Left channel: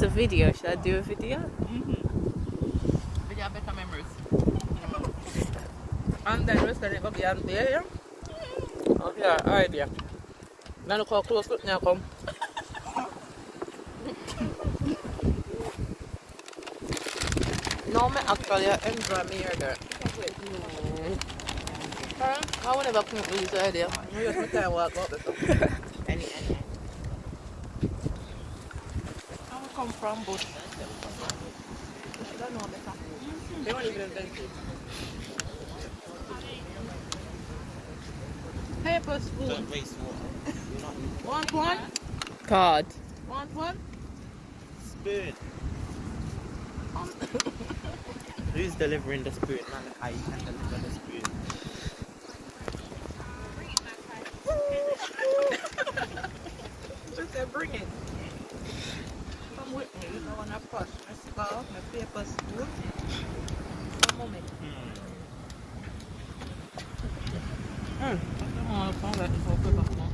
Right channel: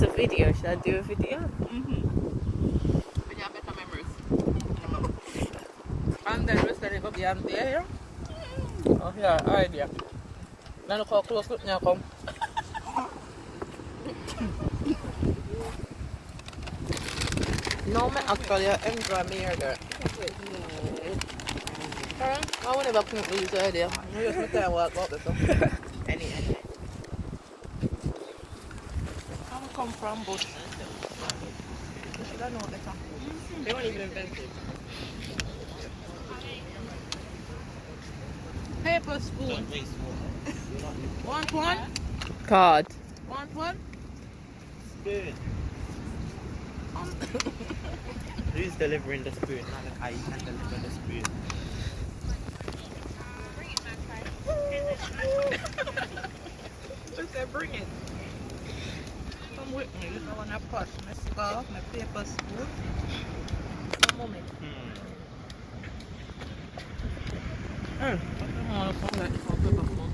It's a video. Should I do a video? But you have better memories. And then we said it will be on there, yeah? Oh, yeah, already. Yeah. Then look how close it now come. No, me actually enjoy me here there. I will never come up with this idea. I just try to walk out this stuff. Any. I will come from bush. I know better. They want to live very good. Paper spoon. Want one? God. Want one? Spoon. Who's delivering the spoon? I can deliver the spoon. Just say bring it. Come with me. You know when I pass my scarf, my paper spoon. Come on. I don't want to call that for paper spoon.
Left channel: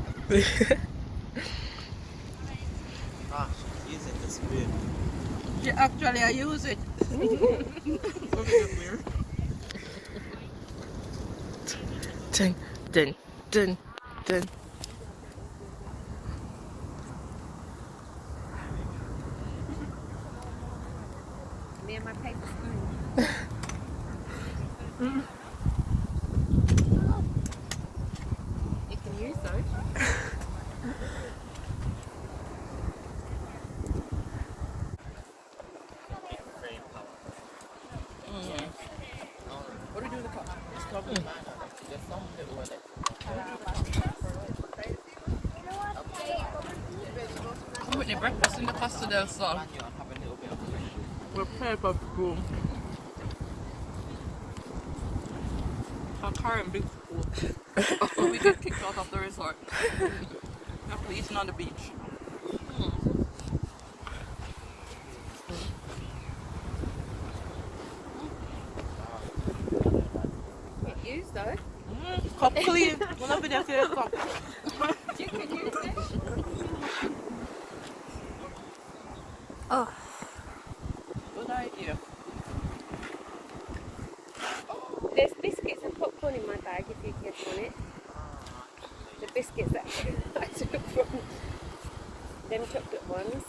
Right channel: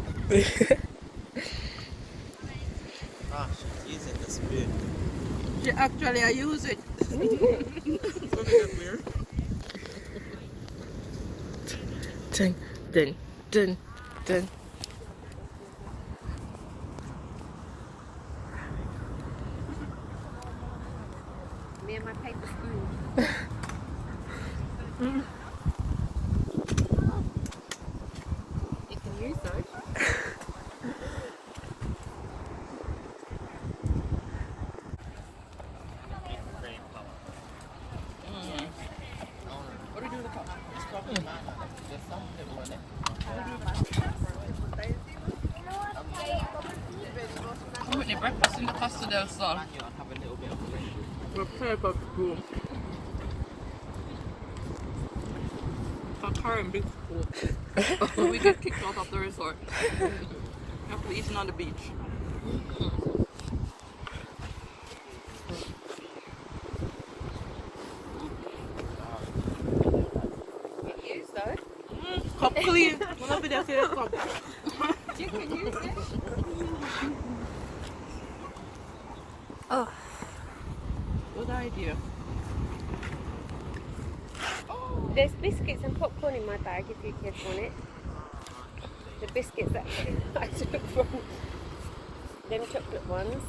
Using the spoon. Actually, I use it. Dun, dun, dun, dun. Me and my paper spoon. You can use those. What do you do with the cup? Just cover the man. Just some people like. I'm with the breakfast in the Costa del Sol. With paper spoon. For current big spoon. We get kicked out of the resort. After eating on the beach. Use those. Cup clean. When I be there, say cup. You can use it. Oh. Good idea. There's biscuits and popcorn in my bag if you kids want it. The biscuits that I took from them chocolate ones.